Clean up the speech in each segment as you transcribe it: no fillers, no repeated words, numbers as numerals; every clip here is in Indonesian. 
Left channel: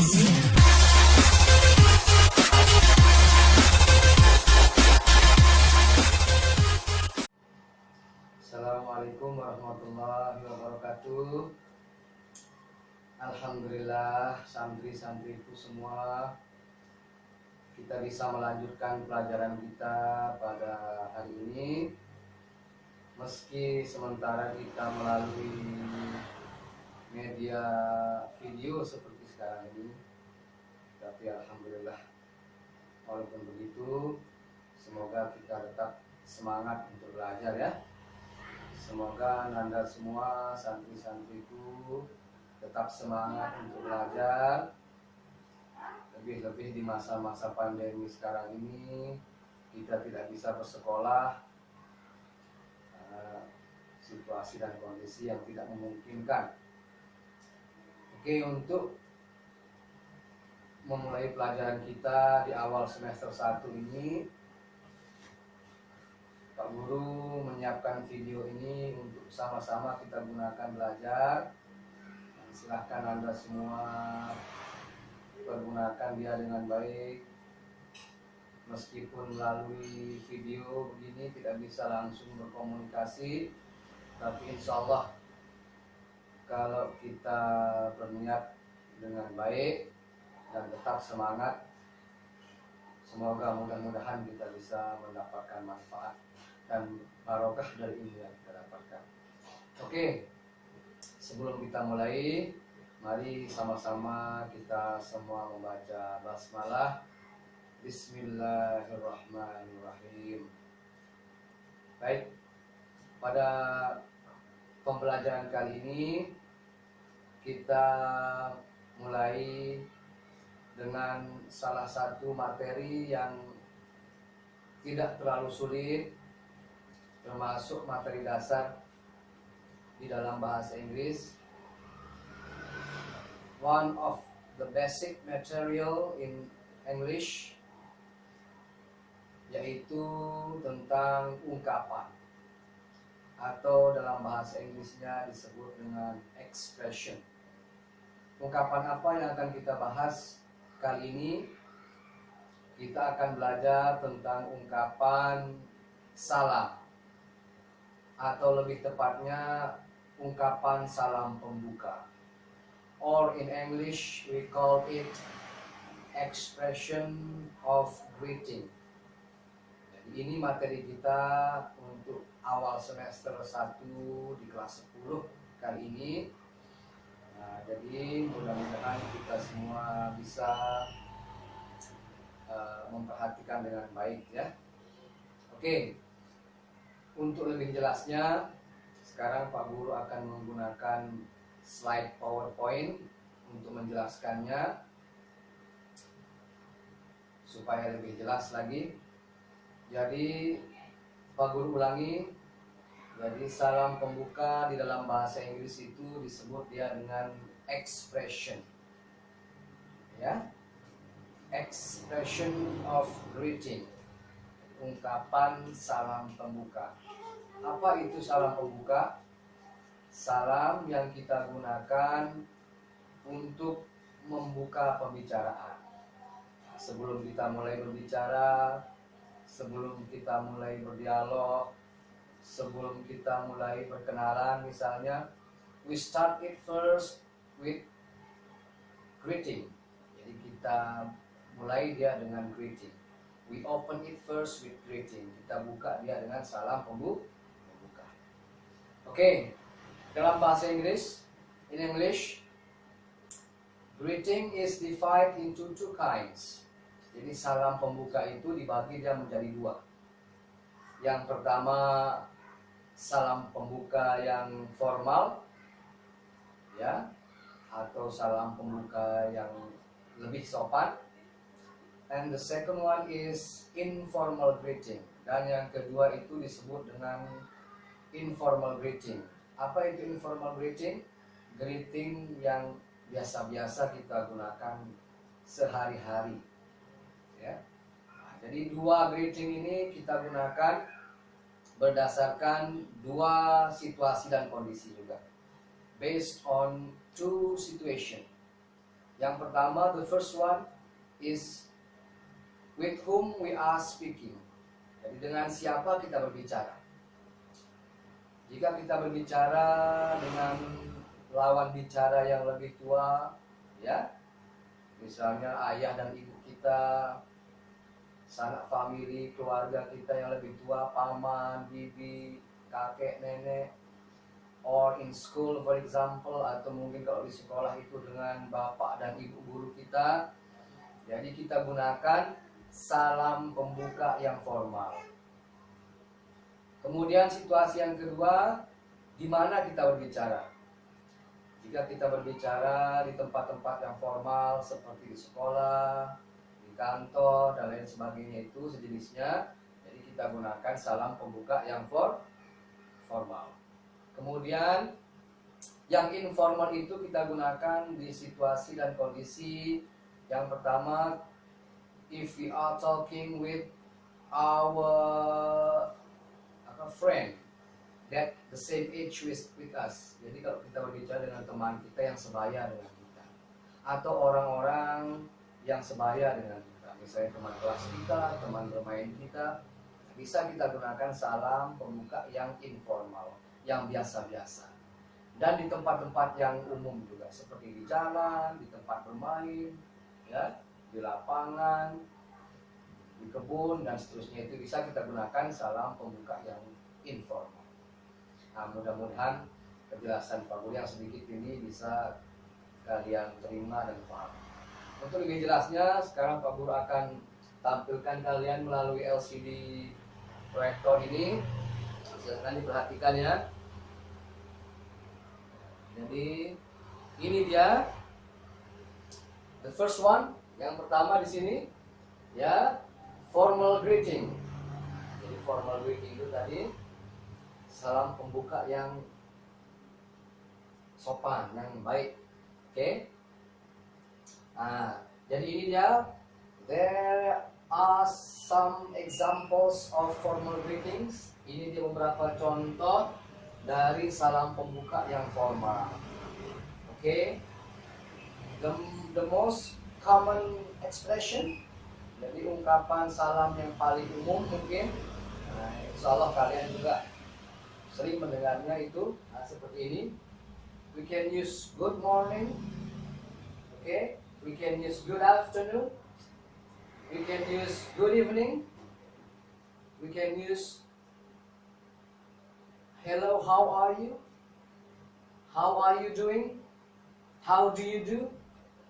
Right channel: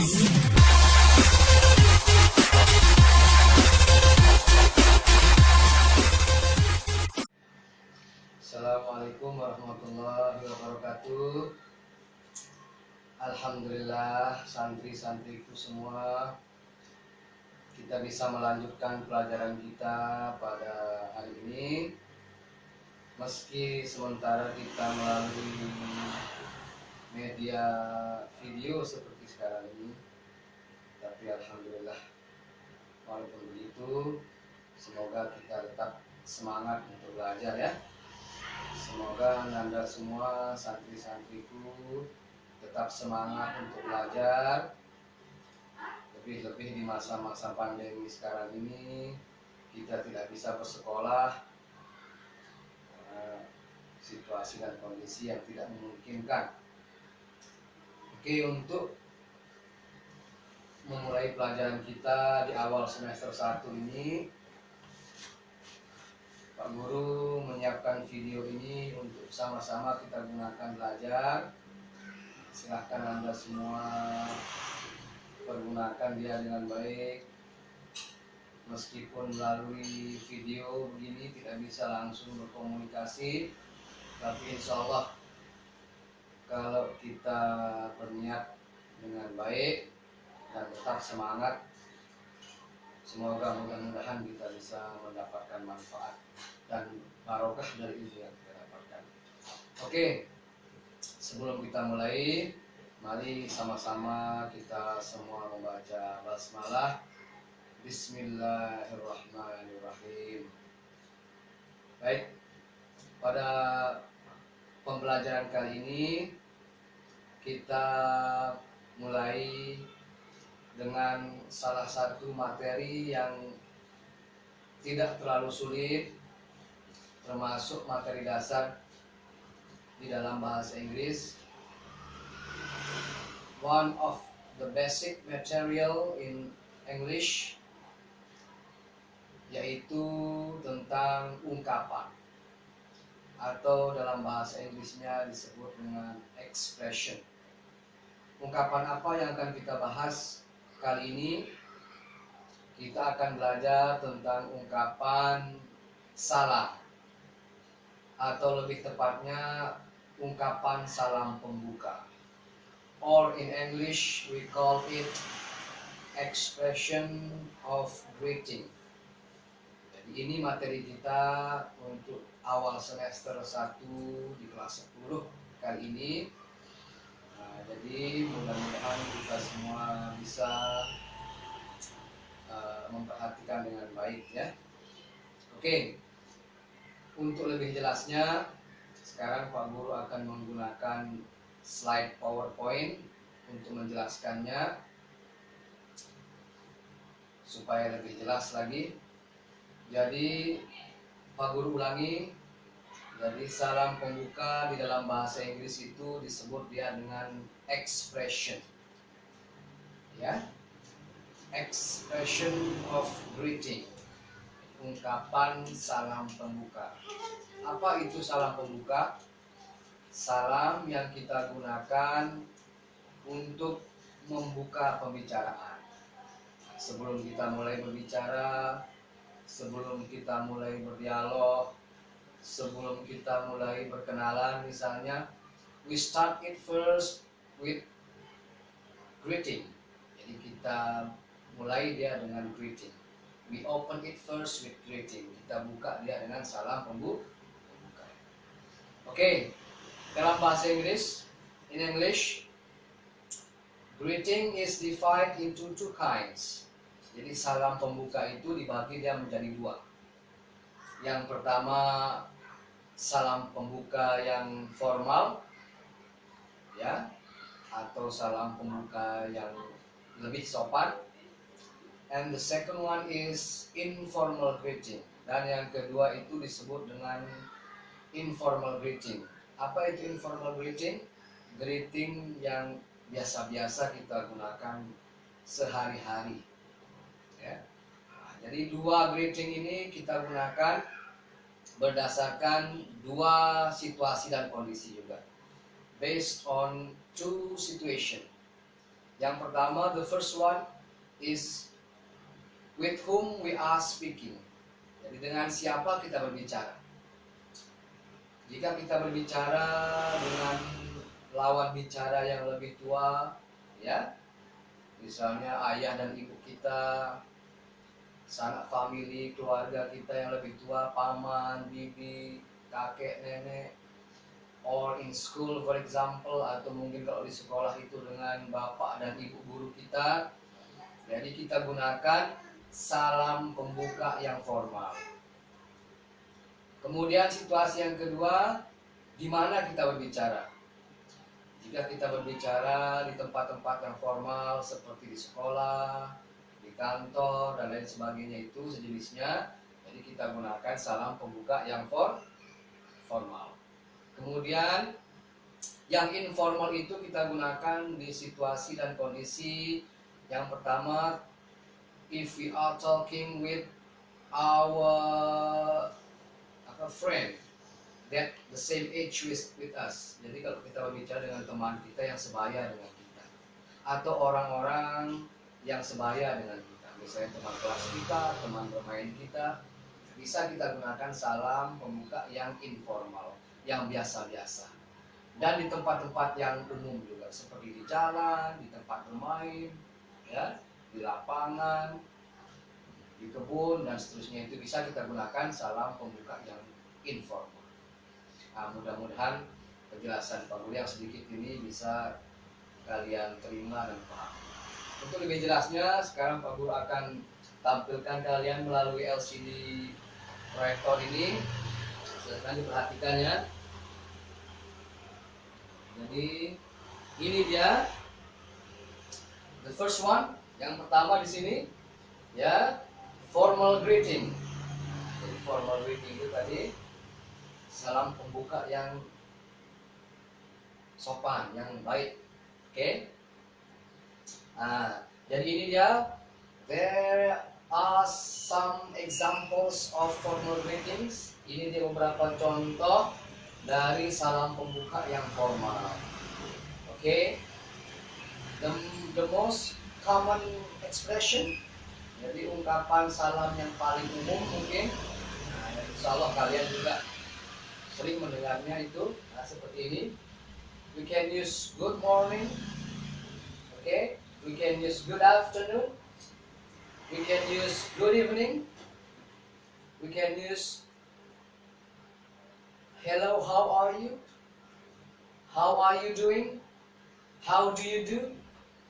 Assalamualaikum warahmatullahi wabarakatuh. Alhamdulillah, santri-santriku semua, kita bisa melanjutkan pelajaran kita pada hari ini. Meski sementara kita melalui media video seperti sekarang ini, tapi alhamdulillah, walaupun begitu, semoga kita tetap semangat untuk belajar ya. Semoga Anda semua santri-santriku tetap semangat untuk belajar. Lebih-lebih di masa-masa pandemi sekarang ini, kita tidak bisa bersekolah karena situasi dan kondisi yang tidak memungkinkan. Oke, untuk memulai pelajaran kita di awal semester 1 ini, Pak Guru menyiapkan video ini untuk sama-sama kita gunakan belajar. Silahkan Anda semua pergunakan dia dengan baik. Meskipun melalui video begini tidak bisa langsung berkomunikasi, tapi insya Allah kalau kita berniat dengan baik dan tetap semangat, semoga mudah-mudahan kita bisa mendapatkan manfaat dan barokah dari ilmu yang kita dapatkan. Oke, sebelum kita mulai, mari sama-sama kita semua membaca basmalah. Bismillahirrahmanirrahim. Baik, pada pembelajaran kali ini kita mulai dengan salah satu materi yang tidak terlalu sulit, termasuk materi dasar di dalam bahasa Inggris. One of the basic material in English, yaitu tentang ungkapan, atau dalam bahasa Inggrisnya disebut dengan expression. Ungkapan apa yang akan kita bahas kali ini? Kita akan belajar tentang ungkapan salam, atau lebih tepatnya ungkapan salam pembuka, or in English we call it expression of greeting. Jadi ini materi kita untuk awal semester 1 di kelas 10 kali ini. Nah, jadi mudah-mudahan kita semua bisa memperhatikan dengan baik ya. Oke. Untuk lebih jelasnya, sekarang Pak Guru akan menggunakan slide PowerPoint untuk menjelaskannya supaya lebih jelas lagi. Jadi Pak Guru ulangi. Jadi salam pembuka di dalam bahasa Inggris itu disebut dia dengan expression. Ya. Expression of greeting. Ungkapan salam pembuka. Apa itu salam pembuka? Salam yang kita gunakan untuk membuka pembicaraan. Sebelum kita mulai berbicara, sebelum kita mulai berdialog, sebelum kita mulai berkenalan misalnya, we start it first with greeting. Jadi kita mulai dia dengan greeting. We open it first with greeting. Kita buka dia dengan salam pembuka. Oke. Dalam bahasa Inggris, in English, greeting is divided into two kinds. Jadi salam pembuka itu dibagi dia menjadi dua. Yang pertama, salam pembuka yang formal, ya, atau salam pembuka yang lebih sopan. And the second one is informal greeting. Dan yang kedua itu disebut dengan informal greeting. Apa itu informal greeting? Greeting yang biasa-biasa kita gunakan sehari-hari. Ya. Nah, jadi dua greeting ini kita gunakan berdasarkan dua situasi dan kondisi juga. Based on two situation. Yang pertama, the first one is with whom we are speaking. Jadi dengan siapa kita berbicara. Jika kita berbicara dengan lawan bicara yang lebih tua, ya, misalnya ayah dan ibu kita, sanak famili, keluarga kita yang lebih tua, paman, bibi, kakek, nenek, or in school for example, atau mungkin kalau di sekolah itu dengan bapak dan ibu guru kita. Jadi kita gunakan salam pembuka yang formal. Kemudian situasi yang kedua, di mana kita berbicara. Jika kita berbicara di tempat-tempat yang formal seperti di sekolah, di kantor, dan lain sebagainya itu sejenisnya, jadi kita gunakan salam pembuka yang formal. Kemudian yang informal itu kita gunakan di situasi dan kondisi yang pertama, if we are talking with our friend that the same age with us. Jadi kalau kita berbicara dengan teman kita yang sebaya dengan kita, atau orang-orang yang sebaya dengan kita, misalnya teman kelas kita, teman bermain kita, bisa kita gunakan salam pembuka yang informal, yang biasa-biasa. Dan di tempat-tempat yang umum juga, seperti di jalan, di tempat bermain, ya, di lapangan, di kebun, dan seterusnya, itu bisa kita gunakan salam pembuka yang informal. Nah, mudah-mudahan penjelasan Pak Guru yang sedikit ini bisa kalian terima dan paham. Untuk lebih jelasnya, sekarang Pak Guru akan tampilkan kalian melalui LCD proyektor ini. Silakan diperhatikan ya. Jadi ini dia the first one, yang pertama di sini, ya, formal greeting. Jadi formal greeting itu tadi salam pembuka yang sopan, yang baik. Oke. Nah, jadi ini dia. There are some examples of formal greetings. Ini dia beberapa contoh dari salam pembuka yang formal. Oke. The most common expression, jadi ungkapan salam yang paling umum mungkin. Nah, insya Allah kalian juga sering mendengarnya itu. Nah, seperti ini. We can use good morning. Okay. We can use good afternoon. We can use good evening. We can use hello, how are you? How are you doing? How do you do?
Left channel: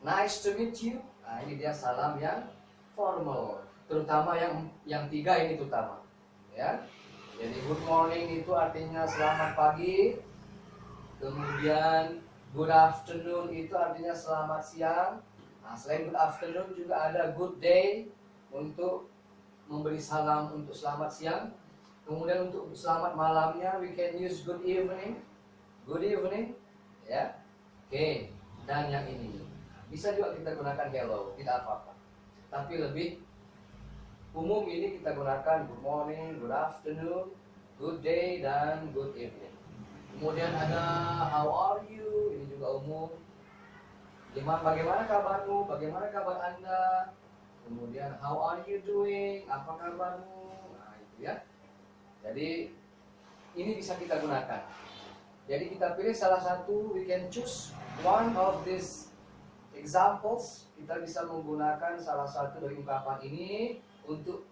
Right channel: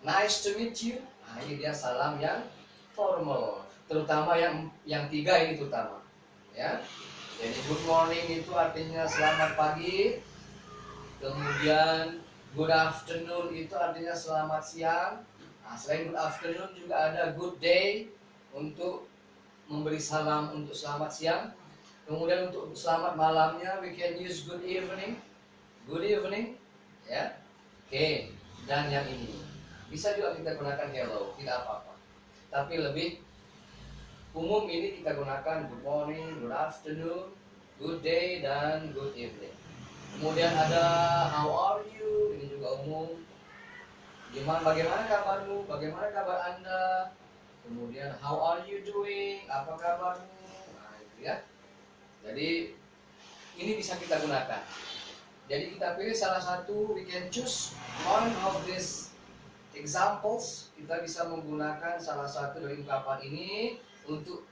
Nice to meet you. Nah, ini dia salam yang formal. Terutama yang tiga ini terutama. Ya. Jadi good morning itu artinya selamat pagi. Kemudian good afternoon itu artinya selamat siang. Nah, selain good afternoon juga ada good day untuk memberi salam untuk selamat siang. Kemudian untuk selamat malamnya we can use good evening. Good evening, ya. Oke. Dan yang ini bisa juga kita gunakan hello, tidak apa-apa. Tapi lebih umum ini kita gunakan good morning, good afternoon, good day, dan good evening. Kemudian ada how are you, ini juga umum. Bagaimana kabarmu? Bagaimana kabar Anda? Kemudian how are you doing? Apa kabarmu? Nah, itu ya. Jadi ini bisa kita gunakan. Jadi kita pilih salah satu, we can choose one of these examples. Kita bisa menggunakan salah satu dari ungkapan ini untuk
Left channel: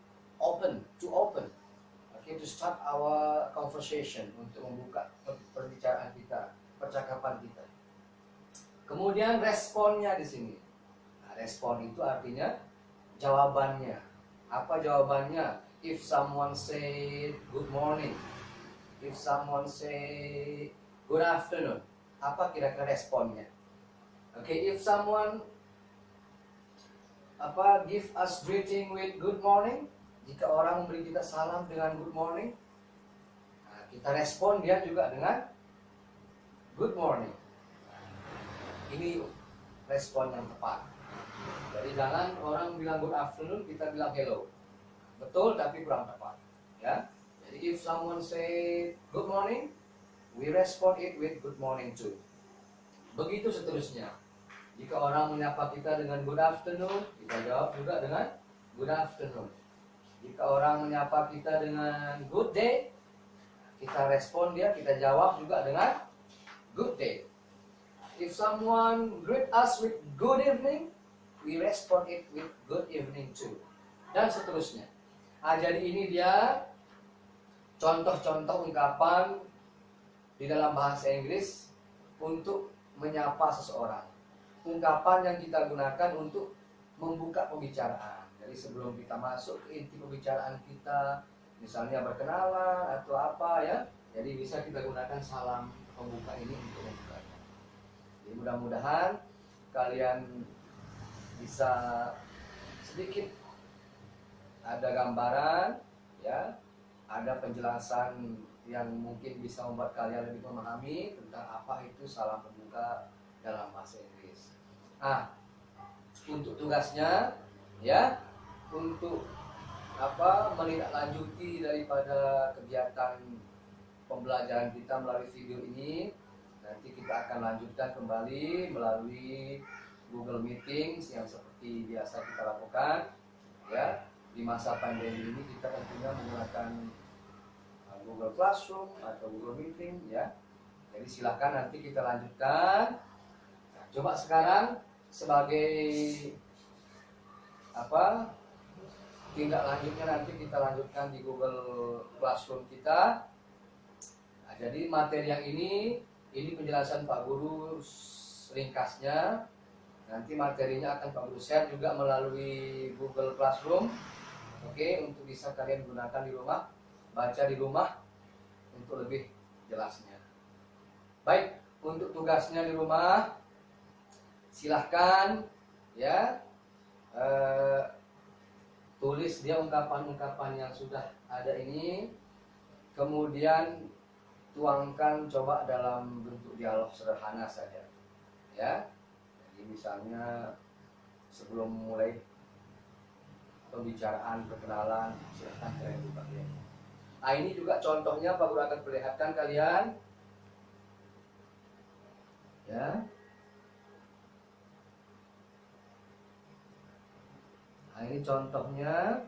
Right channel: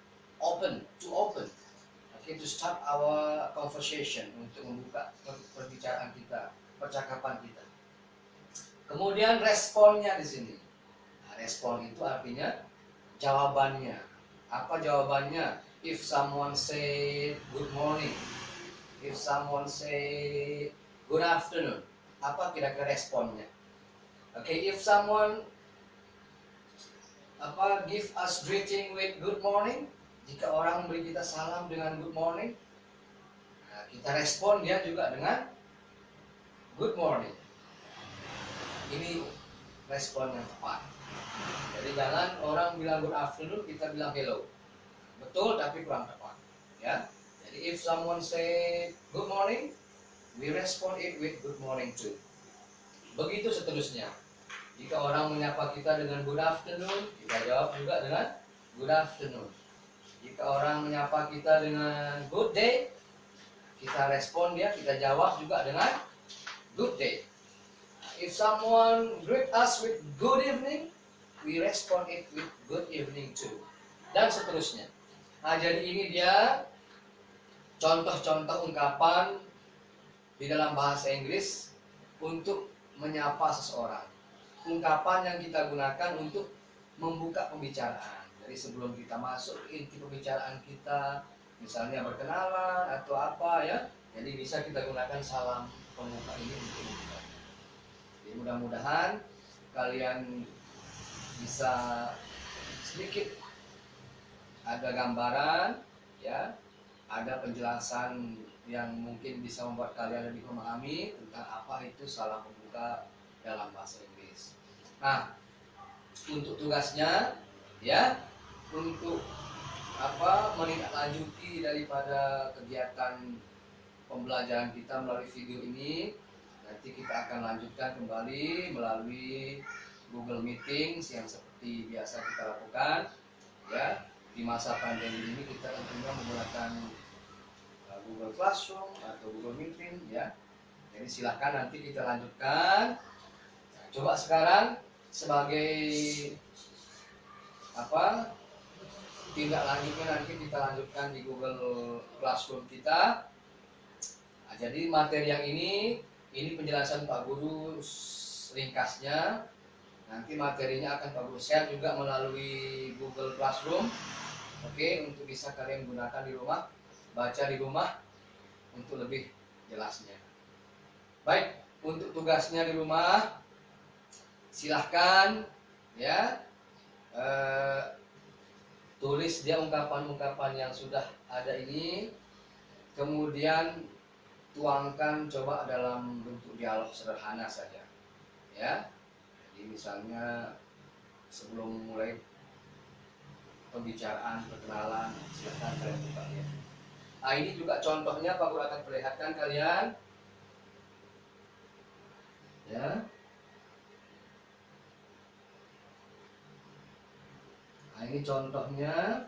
to open, okay, to start our conversation, untuk membuka perbicaraan kita, percakapan kita. Kemudian responnya di sini. Nah, respon itu artinya jawabannya. Apa jawabannya? If someone say good morning, if someone say good afternoon, apa kira-kira responnya? Okay, if someone give us greeting with good morning, jika orang memberi kita salam dengan good morning, nah, kita respon dia juga dengan good morning. Ini respon yang tepat. Jadi jangan orang bilang good afternoon kita bilang hello. Betul tapi kurang tepat, ya. Jadi if someone say good morning, we respond it with good morning too. Begitu seterusnya. Jika orang menyapa kita dengan good afternoon, kita jawab juga dengan good afternoon. Jika orang menyapa kita dengan good day, kita respon dia, kita jawab juga dengan good day. If someone greet us with good evening, we respond it with good evening too. Dan seterusnya. Nah, jadi ini dia contoh-contoh ungkapan di dalam bahasa Inggris untuk menyapa seseorang. Ungkapan yang kita gunakan untuk membuka pembicaraan. Jadi sebelum kita masuk ke inti pembicaraan kita, misalnya berkenalan atau apa ya, jadi bisa kita gunakan salam pembuka ini untuk membuka. Jadi mudah-mudahan kalian bisa sedikit ada gambaran ya, ada penjelasan yang mungkin bisa membuat kalian lebih memahami tentang apa itu salam pembuka dalam bahasa Inggris. Nah, untuk tugasnya ya, untuk menindaklanjuti daripada kegiatan pembelajaran kita melalui video ini, nanti kita akan lanjutkan kembali melalui Google Meetings yang seperti biasa kita lakukan ya. Di masa pandemi ini kita tentunya menggunakan Google Classroom atau Google Meeting ya. Jadi silahkan nanti kita lanjutkan. Nah, coba sekarang sebagai tindak lanjutnya nanti kita lanjutkan di Google Classroom kita. Nah, jadi materi yang ini penjelasan Pak Guru ringkasnya. Nanti materinya akan Pak Guru share juga melalui Google Classroom. Oke, untuk bisa kalian gunakan di rumah, baca di rumah untuk lebih jelasnya. Baik, untuk tugasnya di rumah silahkan ya tulis dia ungkapan-ungkapan yang sudah ada ini, kemudian tuangkan coba dalam bentuk dialog sederhana saja ya. Jadi misalnya sebelum mulai pembicaraan perkenalan, silahkan kalian buka ya. Nah, ini juga contohnya Pak Guru akan perlihatkan kalian ya. Nah, ini contohnya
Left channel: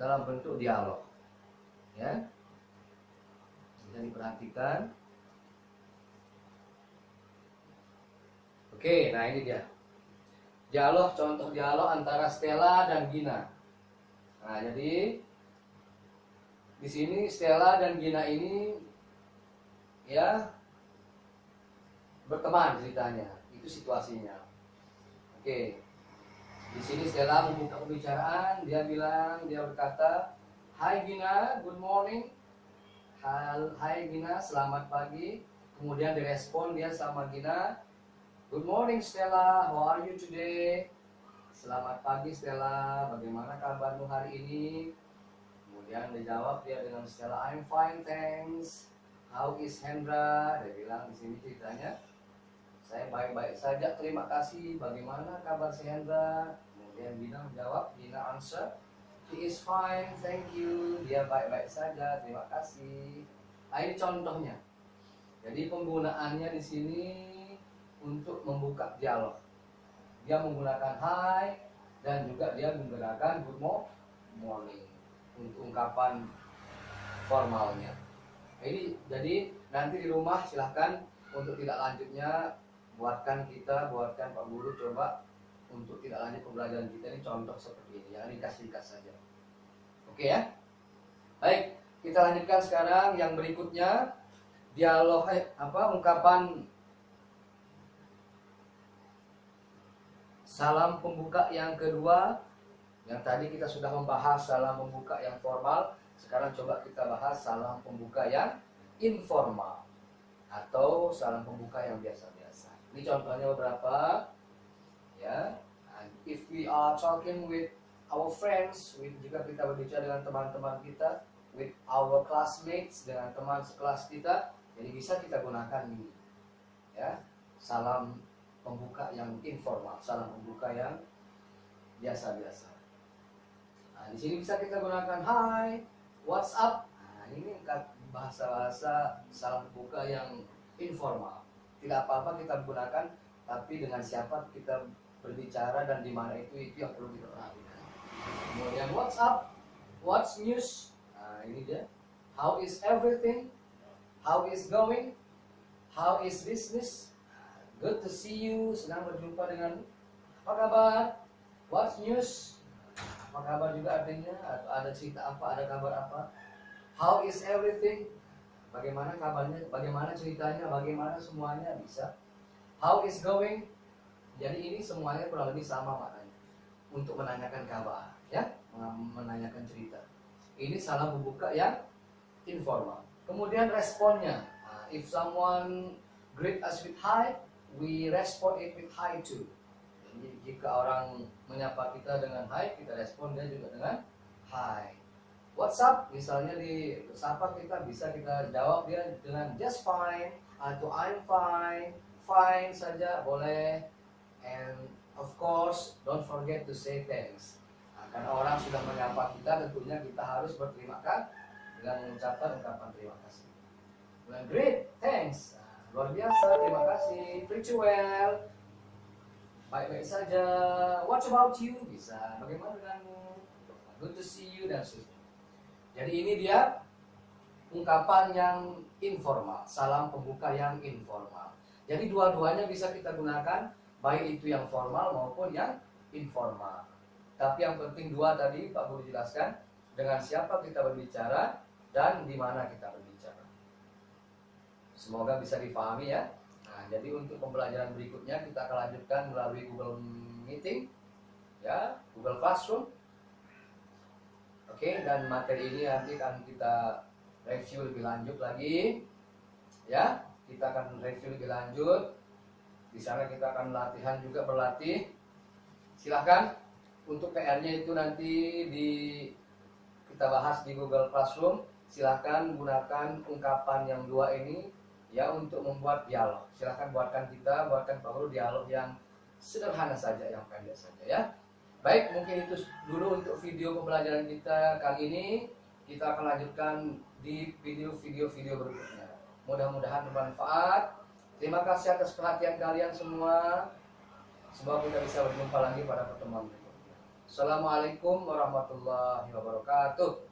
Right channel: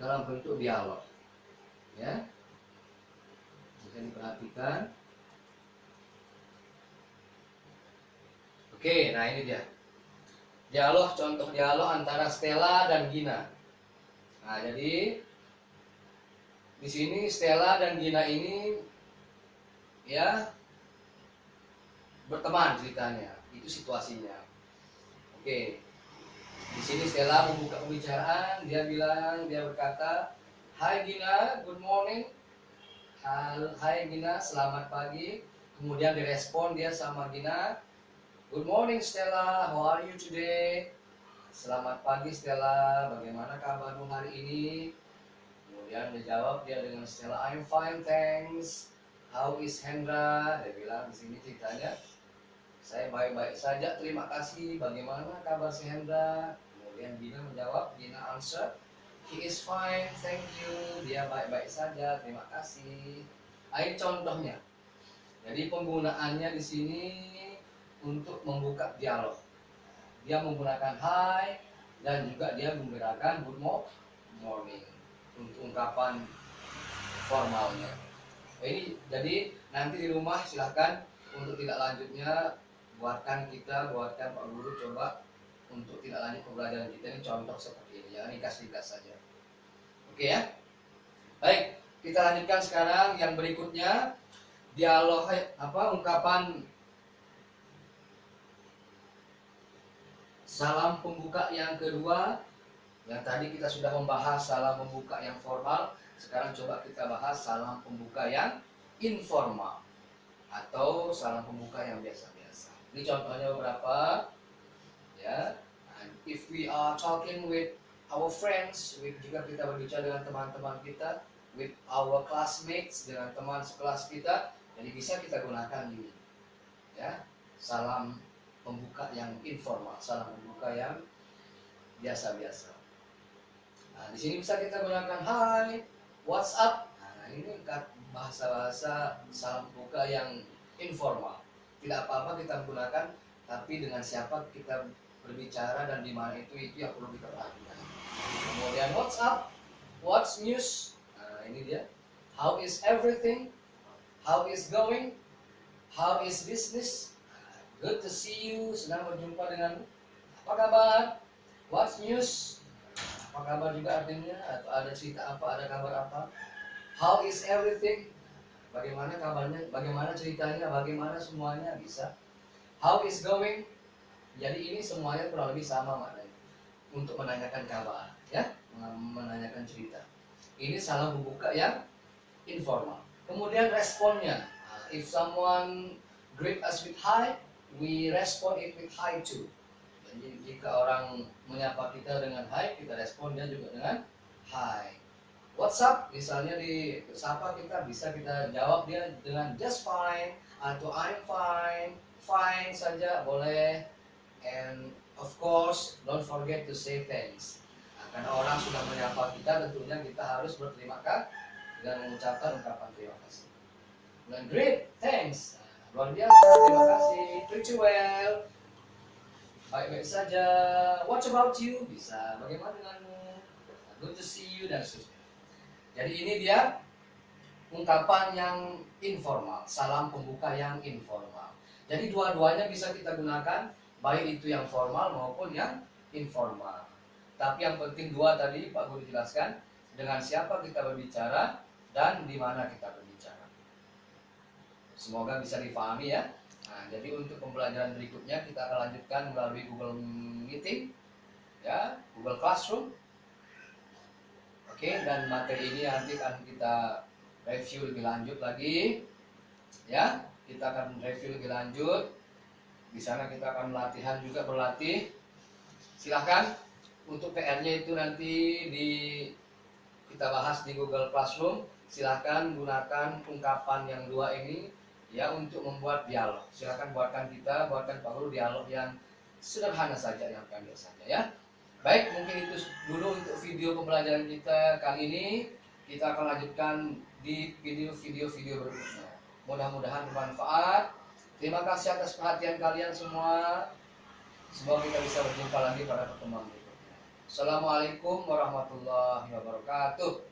dalam bentuk dialog ya, bisa diperhatikan. Oke, nah ini dia dialog, contoh dialog antara Stella dan Gina. Nah, jadi di sini Stella dan Gina ini ya berteman ceritanya, itu situasinya. Oke, di sini Stella membuka pembicaraan, dia berkata, "Hai Gina, good morning." Hai Gina, selamat pagi. Kemudian direspon dia sama Gina, "Good morning Stella, how are you today?" Selamat pagi Stella, bagaimana kabarmu hari ini? Kemudian dijawab dia dengan Stella, "I'm fine, thanks." "How is Hendra?" Dia bilang di sini ceritanya, "Saya baik-baik saja, terima kasih. Bagaimana kabar si Hendra?" Kemudian Gina menjawab, Gina answer, "He is fine, thank you." Dia baik-baik saja, terima kasih. Nah, ini contohnya. Jadi penggunaannya di sini untuk membuka dialog. Dia menggunakan hi dan juga dia menggunakan good morning untuk ungkapan formalnya. Jadi nanti di rumah silahkan untuk tidak lanjutnya buatkan Pak Guru coba untuk tidak lanjut pembelajaran kita ini contoh seperti ini ya, ringkas-ringkas saja. Oke ya. Baik, kita lanjutkan sekarang yang berikutnya, dialog ungkapan salam pembuka yang kedua. Yang tadi kita sudah membahas salam pembuka yang formal, sekarang coba kita bahas salam pembuka yang informal atau salam pembuka yang biasa-biasa. Ini contohnya beberapa ya. If we are talking with our friends, jika kita berbicara dengan teman-teman kita, with our classmates, dengan teman sekelas kita, jadi bisa kita gunakan ini ya, salam pembuka yang informal, salam pembuka yang biasa-biasa. Nah, di sini bisa kita gunakan hi, what's up. Nah, ini bahasa-bahasa salam pembuka yang informal. Tidak apa-apa kita gunakan, tapi dengan siapa kita berbicara dan di mana itu yang perlu kita perhatikan. Kemudian what's up, what's news, nah ini dia. How is everything, how is going, how is business, good to see you, senang berjumpa dengan, apa kabar, what's news, apa kabar juga artinya, atau ada cerita apa, ada kabar apa. How is everything, bagaimana kabarnya, bagaimana ceritanya, bagaimana semuanya, bisa. How is going, jadi ini semuanya kurang lebih sama maknanya, untuk menanyakan kabar, ya, menanyakan cerita. Ini salam pembuka yang informal. Kemudian responnya, if someone greet us with hi, we respond it with hi too. Jadi jika orang menyapa kita dengan hi, kita respon dia juga dengan hi. What's up, misalnya di sapa kita, bisa kita jawab dia dengan just fine atau I'm fine, fine saja boleh. And of course, don't forget to say thanks. Nah, karena orang sudah menyapa kita, tentunya kita harus berterima kasih dengan mengucapkan ungkapan terima kasih. Dan great, thanks. Nah, luar biasa, terima kasih. Pretty well. Baik-baik saja. What about you? Bisa. Bagaimana denganmu? Good to see you dan seterusnya. Jadi ini dia ungkapan yang informal, salam pembuka yang informal. Jadi dua-duanya bisa kita gunakan, baik itu yang formal maupun yang informal. Tapi yang penting dua tadi Pak Guru jelaskan, dengan siapa kita berbicara dan di mana kita berbicara. Semoga bisa dipahami ya. Nah, jadi untuk pembelajaran berikutnya kita akan lanjutkan melalui Google Meeting, ya, Google Classroom. Oke, dan materi ini nanti akan kita review lebih lanjut lagi, ya. Kita akan review lebih lanjut. Di sana kita akan latihan juga, berlatih. Silahkan untuk PR-nya itu nanti kita bahas di Google Classroom. Silahkan gunakan ungkapan yang dua ini ya untuk membuat dialog. Silahkan buatkan Pak Guru dialog yang sederhana saja, yang pendek saja ya. Baik, mungkin itu dulu untuk video pembelajaran kita kali ini. Kita akan lanjutkan di video-video berikutnya. Mudah-mudahan bermanfaat. Terima kasih atas perhatian kalian semua. Semoga kita bisa berjumpa lagi pada pertemuan berikutnya. Assalamualaikum warahmatullahi wabarakatuh.